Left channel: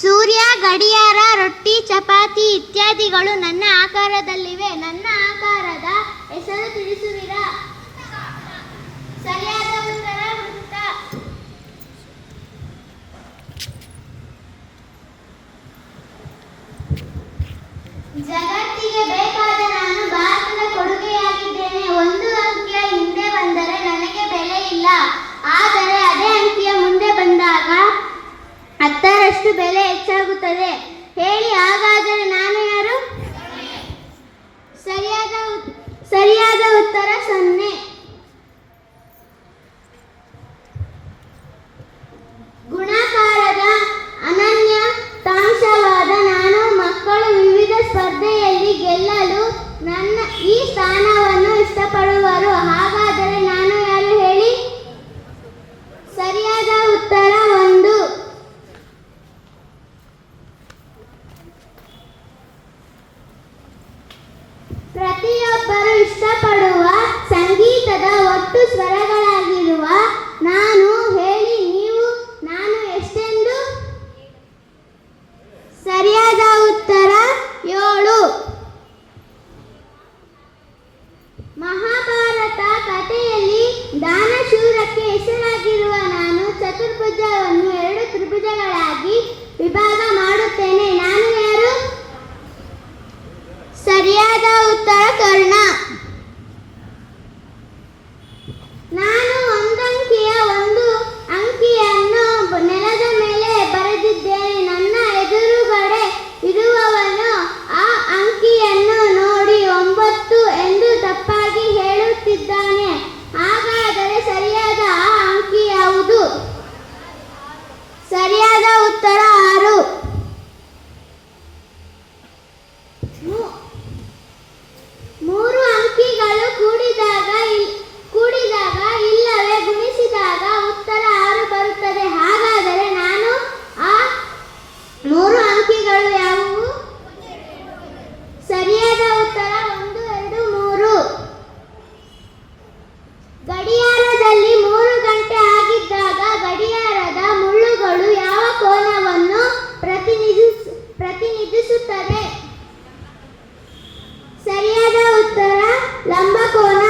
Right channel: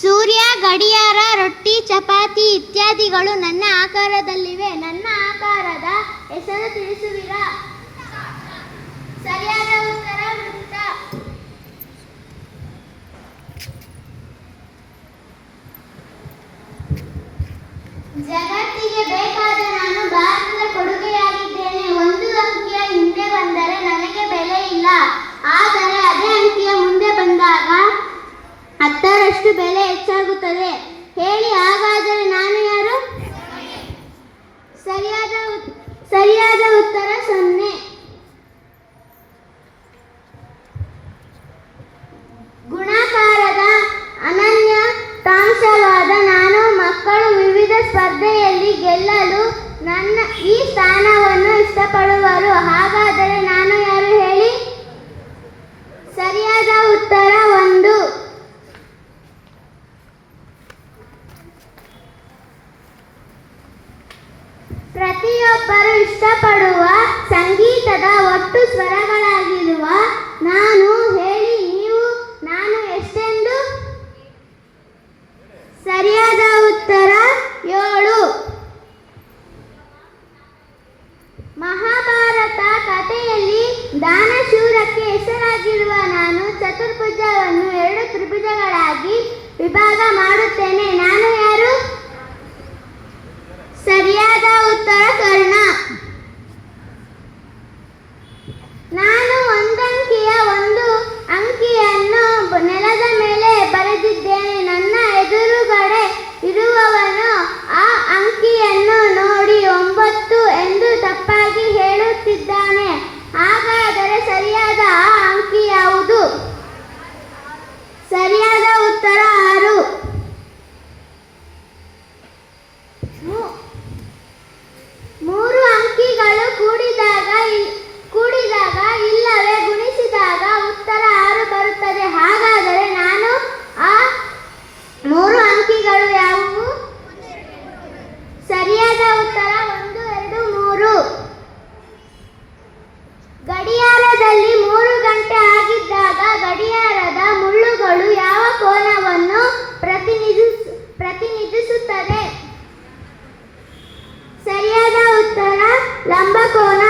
ಸೂರ್ಯ, ಗಡಿಯಾರ, ರೊಟ್ಟಿ, ಚಪಾತಿ ಇತ್ಯಾದಿಗಳು ನನ್ನ ಆಕಾರದಲ್ಲಿವೆ. ನನ್ನ ಆಕಾರದ ಹೆಸರು ತಿಳಿಸುವಿರಾ? ಸರಿಯಾದ ಉತ್ತರ ಜಗತ್ತಿಗೆ ಬೇಕಾದ ಹತ್ತರಷ್ಟು ಬೆಲೆ ಹೆಚ್ಚಾಗುತ್ತದೆ. ಹೇಳಿ, ಹಾಗಾದರೆ ನಾನು ಯಾರು? ಸರಿಯಾದ ಸರಿಯಾದ ಉತ್ತರ ಸೊನ್ನೆ. ಗುಣಾಕಾರದ ಅನನ್ಯ ತಾಂಶವಾದ ನಾನು ಮಕ್ಕಳು ವಿವಿಧ ಸ್ಪರ್ಧೆಯಲ್ಲಿ ಗೆಲ್ಲಲು ನನ್ನ ಈ ಸ್ಥಾನವನ್ನು ಇಷ್ಟಪಡುವರು ಹಾಗಾದರೆ ನಾನು ಯಾರು ಹೇಳಿ ಸರಿಯಾದ ಉತ್ತರ ಒಂದು ಪ್ರತಿಯೊಬ್ಬರು ಇಷ್ಟಪಡುವ ಸಂಗೀತದ ಒಟ್ಟು ಸ್ವರಗಳಾಗಿರುವ ನಾನು ಹೇಳಿ ನೀವು, ನಾನು ಎಷ್ಟೆಂದು? ಸರಿಯಾದ ಉತ್ತರ ಏಳು. ಮಹಾಭಾರತ ಕಥೆಯಲ್ಲಿ ದಾನಶೂರಕ್ಕೆ ಹೆಸರಾಗಿರುವ ನಾನು ಚತುರ್ಭುಜವನ್ನು ಎರಡು ತ್ರಿಭುಜಗಳಾಗಿ ವಿಭಾಗ ಪ್ರತಿನಿಧಿಸುತ್ತದೆ ಸರಿಯಾದ ಉತ್ತರ ಲಂಬಕೋನ